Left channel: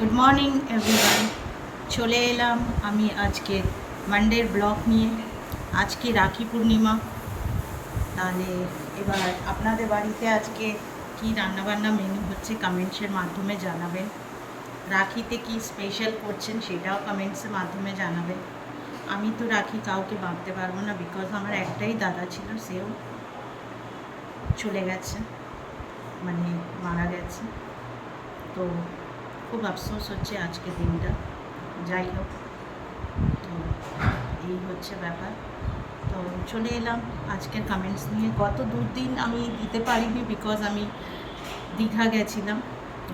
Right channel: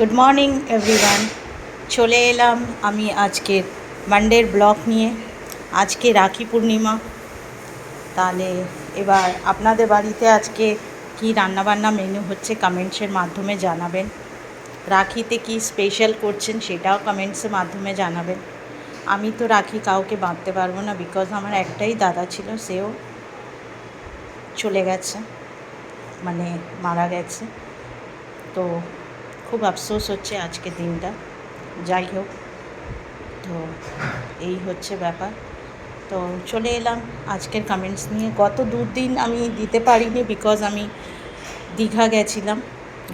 Good morning everyone. চলে এলাম আমি আজকের মানডের ব্লগ নিয়ে। আজকে রাখি পূর্ণিমা। তাহলে এবার আপনাদের বাড়িতে আজকে কি রান্নাবান্না মেনু হচ্ছে কমেন্টসের মাধ্যমে জানাবেন। রাখিতে কি স্পেশাল করছেন সেটাও কমেন্টসের মাধ্যমে জানাবেন। আমি তো রাখি কাউকে বাঁধতে পারবো না, বিকজ আমার একটাই দাদা ছিল, সেও চলে গেছে, মানে মারা গেছে। তো খুব আফসোস হচ্ছে আজকের দিনটা। যাই হোক, তো এই হচ্ছে ব্যাপার। তো চলে এলাম আজকের কমেন্টস নিয়ে। গত দুদিন আমি দিতে পারিনি, বিকজ আমি দীঘা গেছিলাম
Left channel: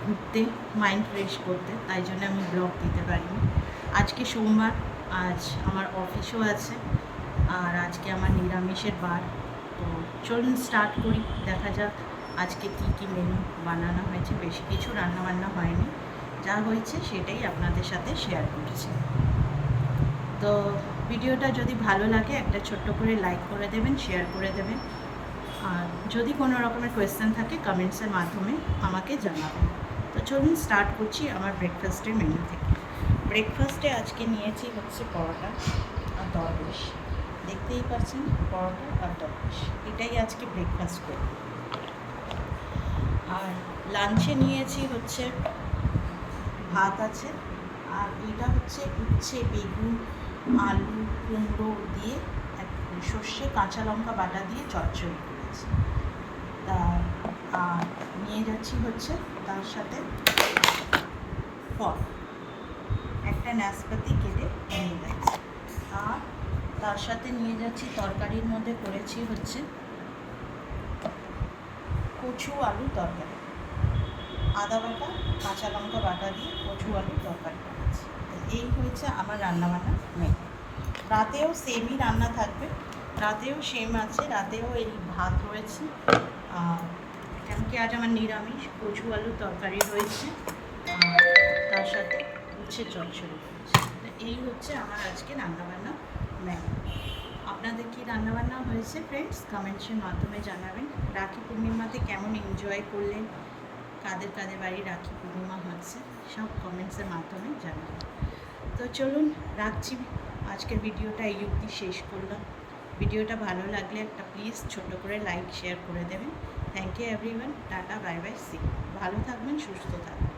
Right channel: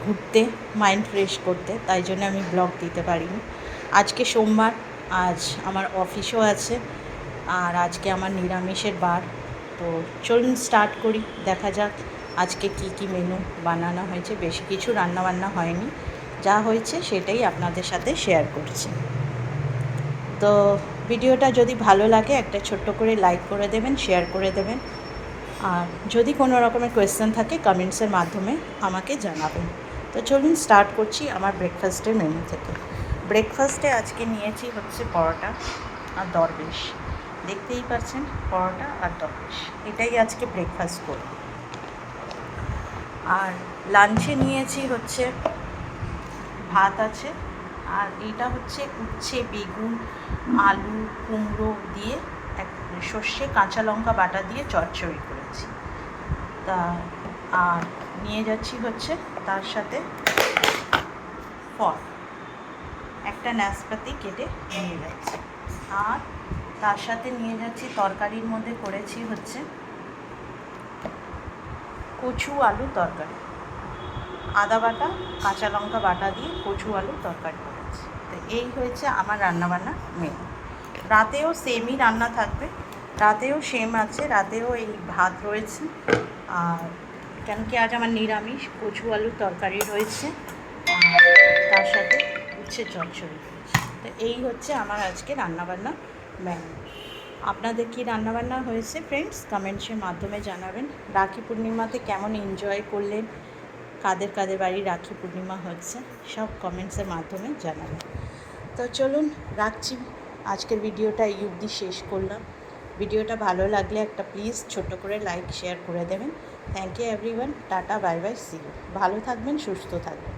ঘুরতে, মাইন্ড ফ্রেশ করতে, তাই জন্য আমি ব্লগ দিতে পারিনি। আজকে সোমবার, আজ আমার অফিসও আছে, আর আজকে আমার নিরামিষের বার। তো চলুন স্টার্ট করি, দেখা যাক আজকে কি কি মেনু বানানো হয়েছে। বেশি কিছু রান্নাবান্না হয়নি, যা হয়েছে সেটাই আপনাদের সাথে শেয়ার করছি। তো ভিডিওটা যদি ভালো লাগে একটা ছোট্ট করে লাইক করে দেবেন, শেয়ার করে দেবেন, আর যদি কোনো রকমের কোয়েশ্চেন থাকে কমেন্টসের মাধ্যমে আমাকে জানাবেন। তো চলুন স্টার্ট করছি আমার ব্রেকফাস্টের মেনু থেকে। ব্রেকফাস্টে আজকে নিয়েছি হচ্ছে পরোটা আর দরবেশ। দেখতেই পাচ্ছেন, পরোটা আর দরবেশ, এটাই আজকে ব্রেকফাস্ট করব। আর লাঞ্চে নিয়েছি হচ্ছে ভাত আছে, আর এটা হচ্ছে উচ্ছে, বেগুন, আলু, কুমড়ো দিয়ে সর্ষে কাঁচা লঙ্কা বাটা দিয়ে চচ্চড়ি করেছি। তা আর নিয়ে যাচ্ছি হচ্ছে তার সাথে ফল, একটা নাশপাতি কেটে নিয়ে যাচ্ছি। আর তার সাথে নিয়ে যাচ্ছি তরকারির মধ্যে করেছি হচ্ছে কচু আলু তরকারি, আদা বাটা কাঁচা লঙ্কা বাটা দিয়ে কচু আলু তরকারি করেছি। তো এই হয়েছে আমার রান্নাবান্না মেনু। রাতেও সেমই রান্না থাকবে, রাতেও সেম আছে, রাতেও এই ভাত রয়েছে। আর কেন কি আজ আমার নিরামিষ, কচু আলুর তরকারি রয়েছে, আর তার সাথে উচ্ছে চচ্চড়ি রয়েছে। তো এই হচ্ছে আমার আজকে রান্নাবান্না মেনু। আপনাদের কি রান্নাবান্না হয়েছে ফ্রেন্ডস, কমেন্টসের মাধ্যমে জানাবেন। রাখি পূর্ণিমাতে কেমন এনজয় করলেন, কাদের কাদের বাড়ি রাখি পূর্ণিমা হচ্ছে, সব কমেন্টসের মাধ্যমে জানাবেন। তো চলুন রাখছি, আজকের ভিডিওটা এই অবধি শেষ করলাম। ভিডিওটা ভালো লাগলে একটা প্লিজ ছোট্ট করে লাইক শেয়ার করে দেবেন। Thank you everyone, tata, bye bye, see. ভালো থাকবেন, সুস্থ থাকবেন।